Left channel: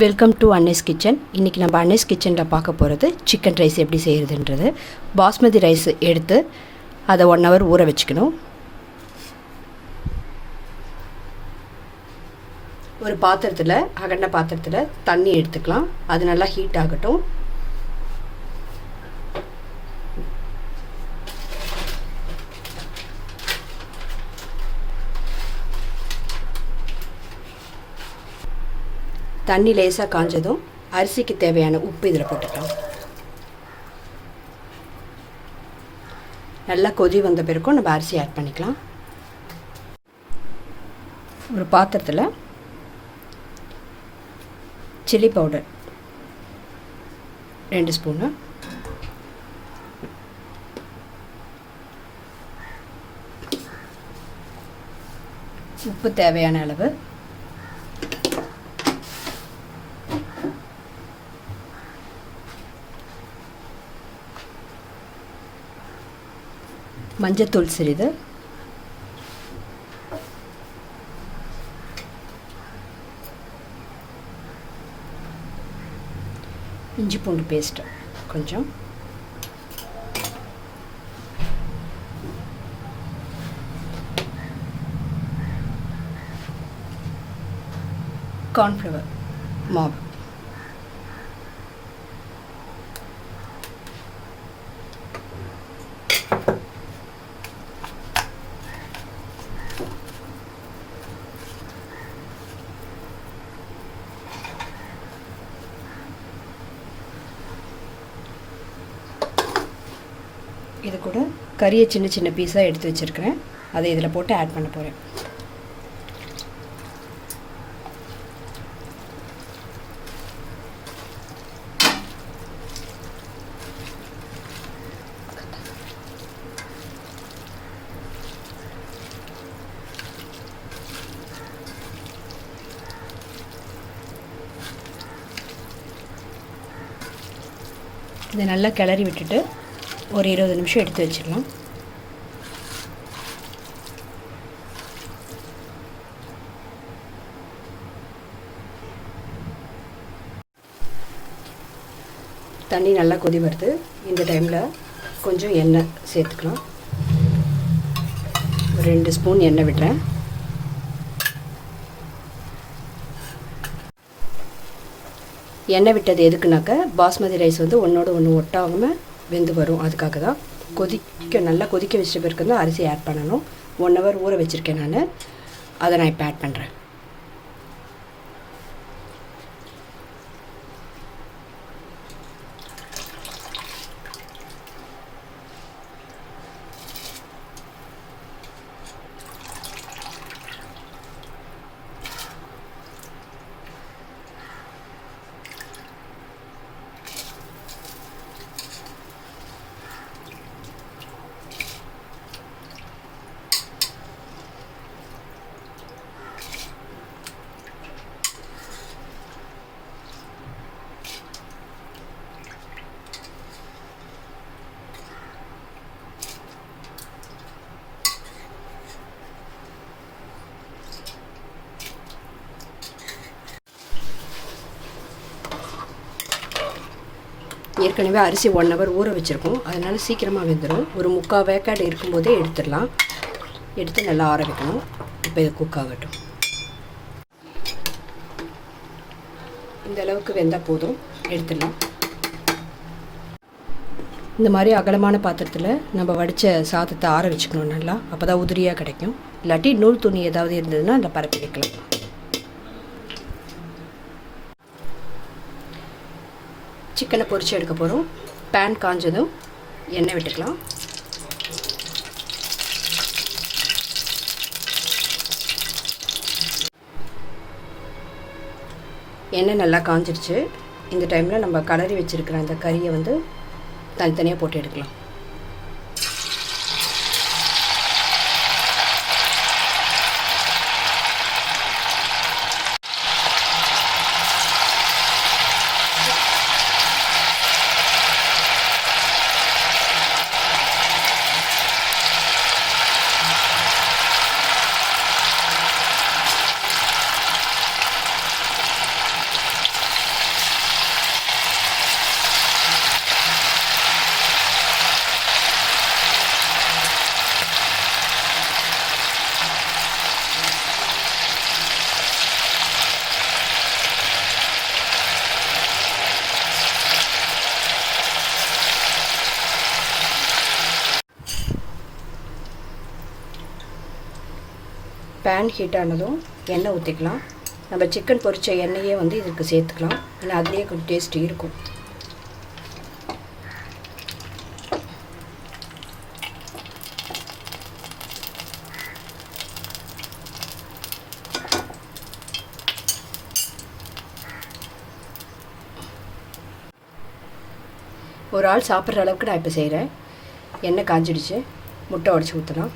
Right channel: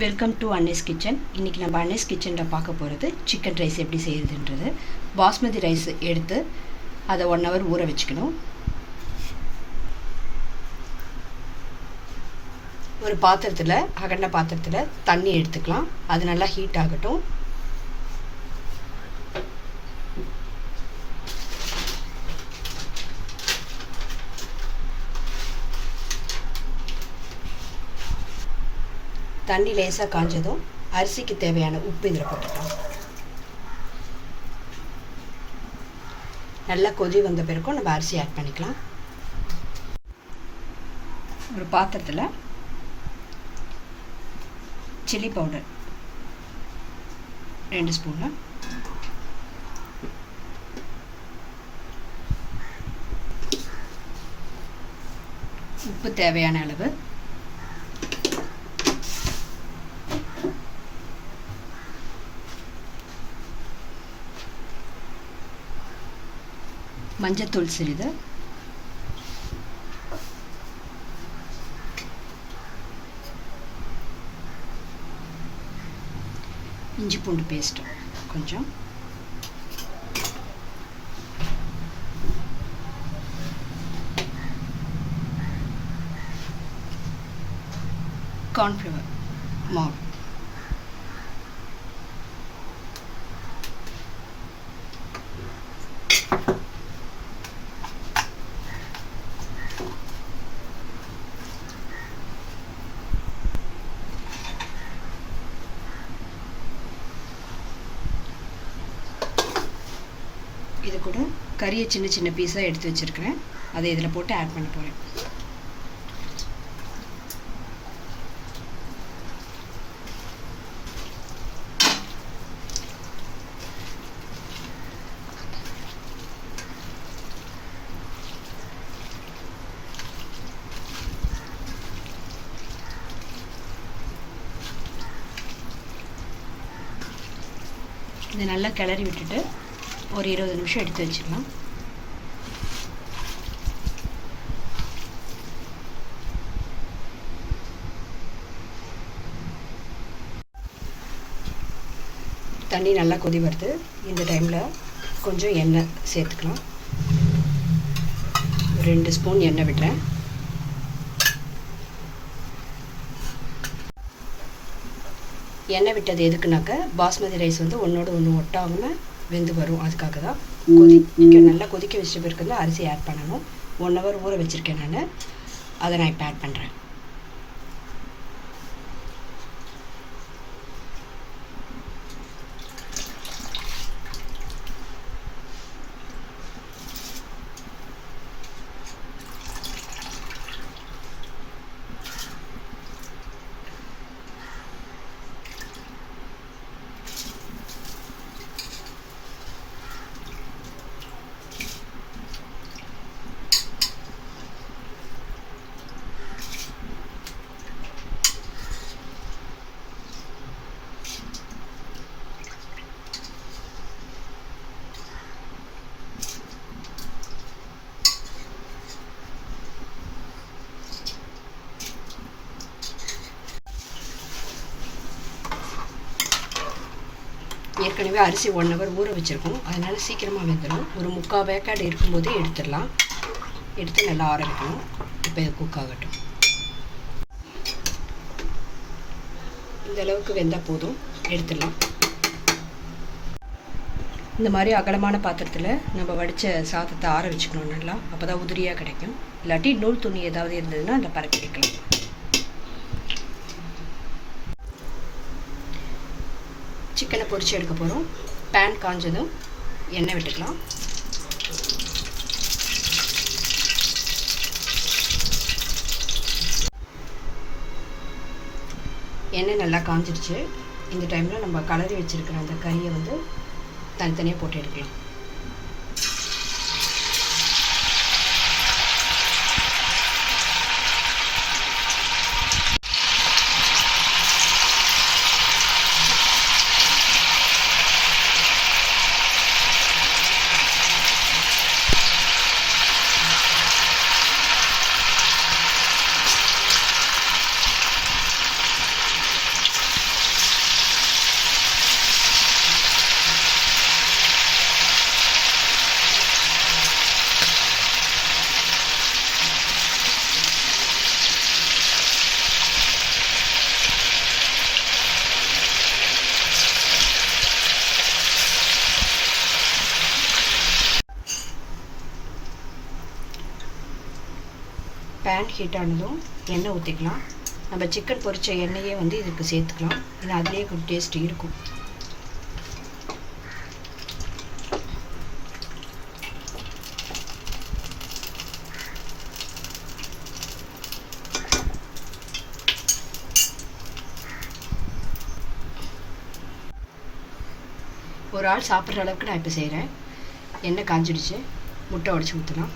Welcome to Annai's kitchen. இன்றைக்கி நம்ம அன்னைஸ் கிச்சனில் பார்க்க போகிறது சிக்கன் ரைஸ் எப்படி செய்கிறதுன்றது. பாஸ்மதி ரைஸ் எடுத்து அதை 1 hour ஊற வச்சுக்கணும். ஒரு பாத்திரத்தில், அகண்ட பாத்திரத்தில் தண்ணி எடுத்துக்கலாம். அது நல்லா ஹீட் ஆகட்டும். தண்ணி லேசாக காஞ்சதும் அரிசிக்கு தேவையான உப்பு இதில் போட்டுக்கலாம். நல்லா கொதி வந்த பிறகும் நம்ம அரிசி ஆட் பண்ணிக்கலாம். ஒரு பாத்திரத்தில் சில்லி பவுடர் 2 ஸ்பூனு, உப்பு தேவையான அளவு, மஞ்சத்தூள் சிறிது, இஞ்சி பூண்டு பேஸ்ட்டு கொஞ்சம், கார்ன்ஃப்ளவர் மாவு, இது கூட கறியை சின்ன சின்ன பீஸாக எடுத்து வச்சுருக்கிறேன். அதை இதில் போட்டு ஆட் பண்ண போகிறேன். இதை நல்லா கிளறி விட்டுட்டு ஒரு 20 நிமிஷம் எடுத்து வச்சிடலாம். தண்ணி நல்லா கொதி வருது. இந்த டைமில் கொஞ்சம் எண்ணெய் சேர்த்துக்கலாம். 2 ஸ்பூன் எண்ணெய் விடுறேன். எண்ணெய் விட்டது எதுக்குனாக்க பாஸ்மதி ரைஸ் வந்து ஒன்றோட ஒன்று ஒட்டாமல் வெந்து வரும். அதுக்காக தான் நல்லா கொதிக்க வச்சுட்டு பிறகு தான் அரிசி ஆட் பண்ணணும். 1 hour ஊற வச்சுருக்கேன் நான். அதை நான் இப்போ ஆட் பண்ணுறேன். ஏற்கனவே அரிசி 1 hour ஊற வச்சுருக்கோம். அதனால் சீக்கிரமாக வெந்துடும். ஒரு 3/4 வேக்காடு இருக்கும்போதே எடுத்துடலாம். எடுத்து நல்லா ஆற வைக்கணும். இப்போ இது குக் ஆகட்டும். இந்த அளவுக்கு வெந்தால் போதும், எடுத்துடலாம். இந்த மாதிரி அகலமான பாத்திரத்தில் நம்ம வடித்த சாதத்தை ஆற வச்சுக்கணும் நல்லா. அப்போ தான் உதிரியாக கிடைக்கும். இல்லாட்டி நூல் துணி ஏதாவது இருந்ததுன்னா அதில் பரப்பி வைக்கலாம். சிக்கனை பொரித்து எடுக்க போகிறோம். பேன் காஞ்சதும் எண்ணெய் விட்டுக்கலாம். எண்ணெய் நல்லா காஞ்சிடுச்சு. இந்த டைமில் நம்ம கலரி வச்சுருக்கிற அந்த கறியை வந்து தனித்தனியாக போட்டு எடுக்கலாம். பேன் ஹீட் ஆனதும் எண்ணெய் ஊற்றிக்கலாம். நம்ம சிக்கன் பொரித்த எண்ணெயே வந்து இதுக்கு சேர்த்துக்கலாம். ஏன்னா அதுலேயே கொஞ்சம் டேஸ்ட் இருக்கும். ஒரு ஆள் சாப்பிட்ற அளவுக்கு நான் இப்போ செய்கிறேன். எண்ணெய் காஞ்சிடுச்சு. முட்டை உடச்சி ஊற்றலாம்.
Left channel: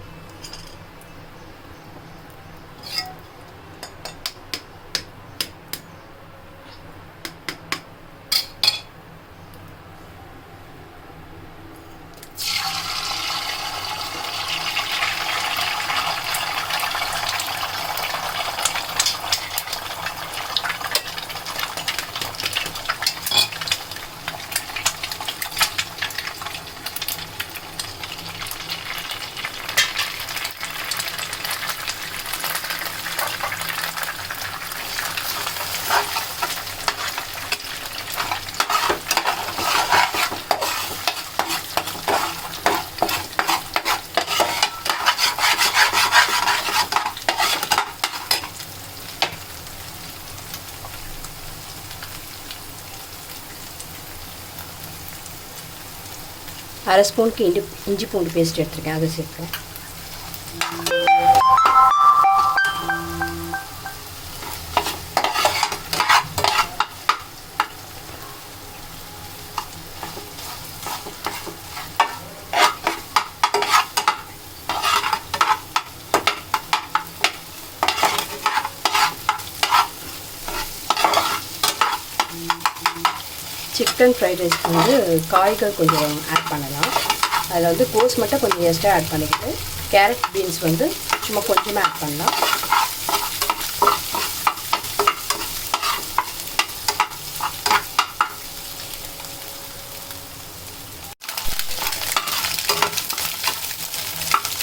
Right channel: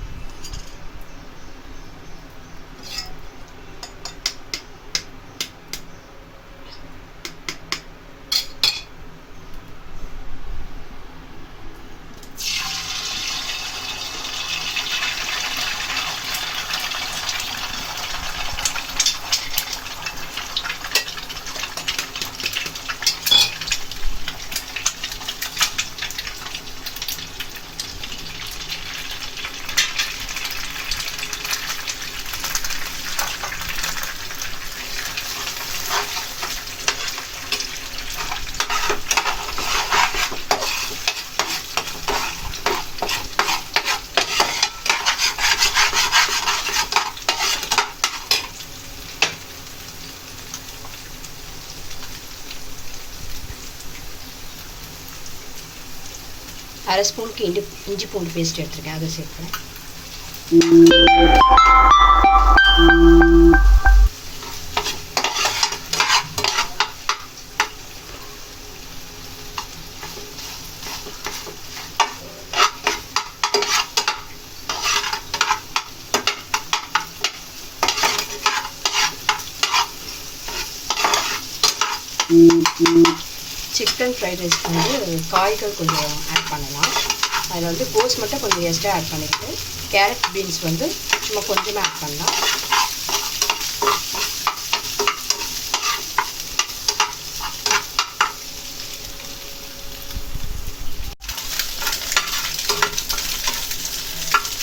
அரை ஸ்பூனுக்கு இஞ்சி பூண்டு பேஸ்ட் எடுத்துருக்கேன், அதை சேர்க்குறேன். சிக்கன் ஃப்ரைட் ரைஸ்க்கு வந்து காய்கள் கொஞ்சம் ஆட் பண்ணலாம். அதில் வந்து கோஸ் மட்டும் கொஞ்சம் எக்ஸ்ட்ரா ஆட் பண்ணிக்கிட்டு கேரட் பீன்ஸ் வந்து சும்மா கொஞ்சமாக ஆட் பண்ணலாம்.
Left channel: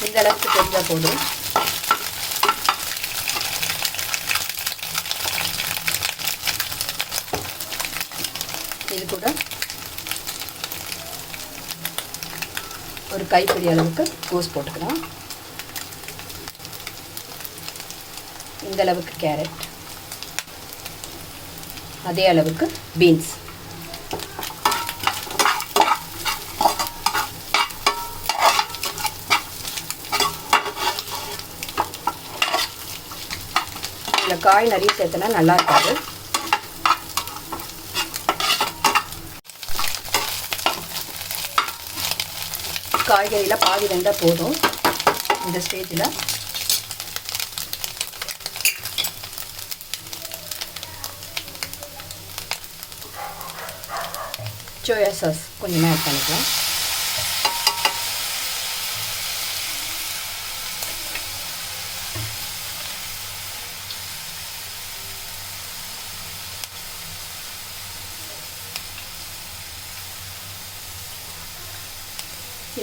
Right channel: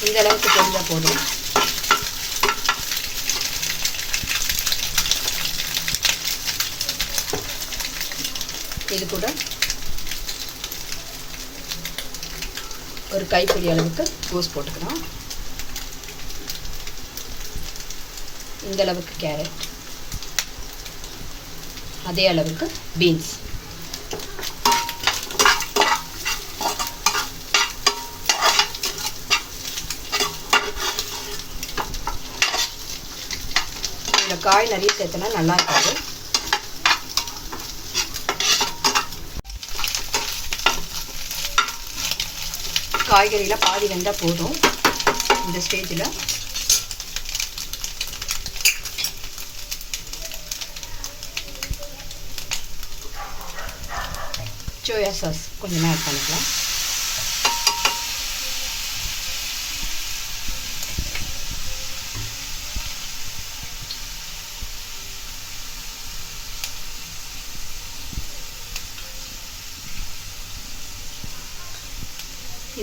இந்த அளவுக்கு தெரிஞ்சால் போதும். இது கூட ஒரு கைப்பிடி அளவுக்கு கோஸ் போட்டுக்கலாம். இந்த அளவுக்கு கேரட், அதே அளவுக்கு பீன்ஸ், இந்த காய் நிறைய சேர்த்தனா நல்லா இருக்காது. காய்கறியில் பாதி வெந்தால் போதும். இந்த ஸ்டேஜில் சோயா சாஸ் கொஞ்சமாக ஆட் பண்ணிக்கலாம்.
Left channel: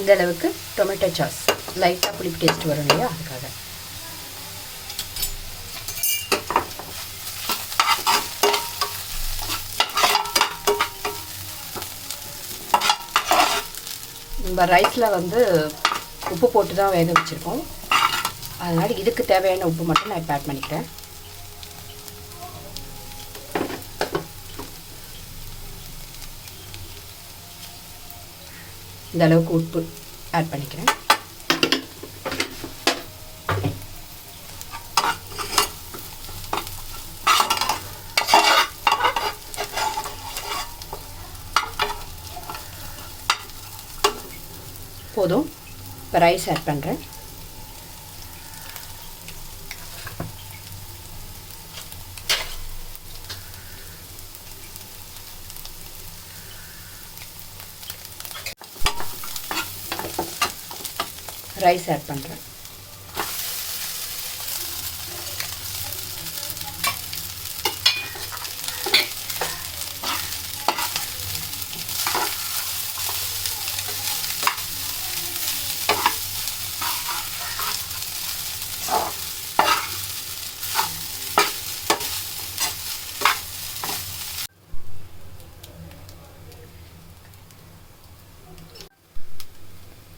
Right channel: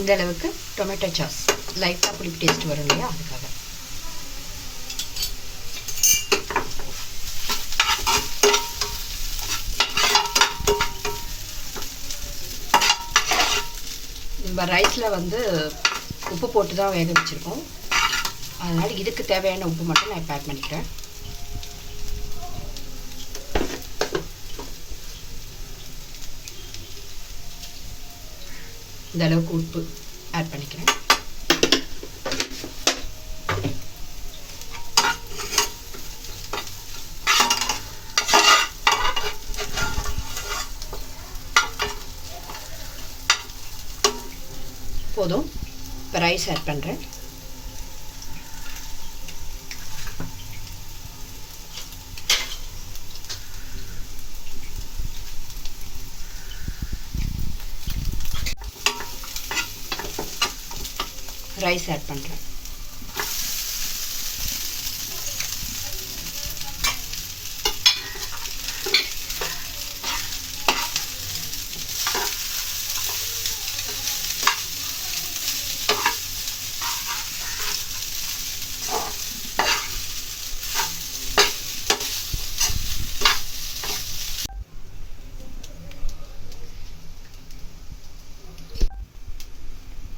இந்த அளவுக்கு டொமேட்டோ சாஸ், லைட்டாக புளிப்பு டேஸ்ட் வரும் இல்லையா, அதுக்காக. நம்ம ரைஸில் வந்து உப்பு போட்டு தான் வேக வச்சுருக்கோம். அதனால் இதுக்கு தேவையான உப்பு மட்டும் நான் இப்போ ஆட் பண்ணிக்கிறேன். இந்த அளவுக்கு உப்பு ஆட் பண்ணிக்கிறேன். போதும். இப்போ ரைஸ் ஆட் பண்ணுறேன். ரைஸ் ஆட் பண்ணுறேன்.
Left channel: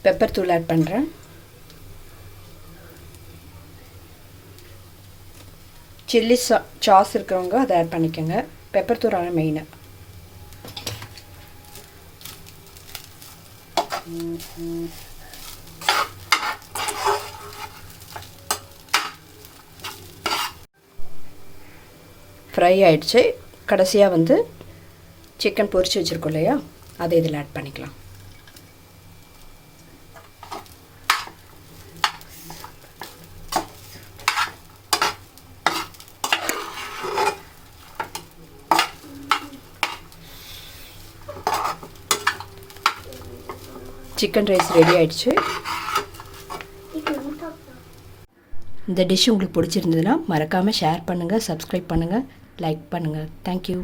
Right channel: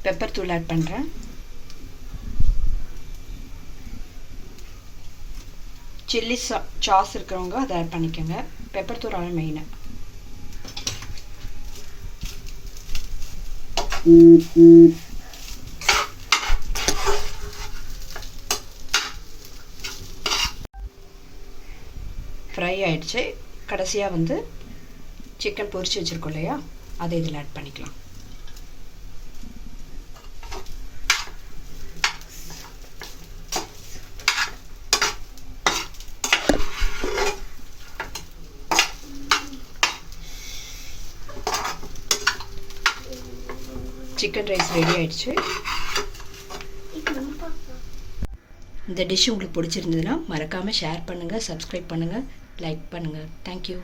பெப்பர் தூள் ஆட் பண்ணுறேன். சில்லி சாஸ் இருக்கிறவங்க அதை ஆட் பண்ணிக்கோங்க. பெப்பர் தூள் மெயினாக. ஃப்ரை ஆகிடுச்சு. கடைசியாக வந்து சிக்கன் பொரிச்சு வச்சுருக்கோம் இல்லையா, அதை இதில் ஆட் பண்ணிக்கலாம். சிக்கன் ரைஸ் ரெடி ஆகிடுச்சு. இந்த டிஷ் உங்களுக்கு பிடிச்சிருந்ததுன்னா மறக்காமல் ஷேர் பண்ணுங்கள், சப்ஸ்கிரைப் பண்ணுங்கள், லைக் பண்ணுங்கள். தேங்க்யூ.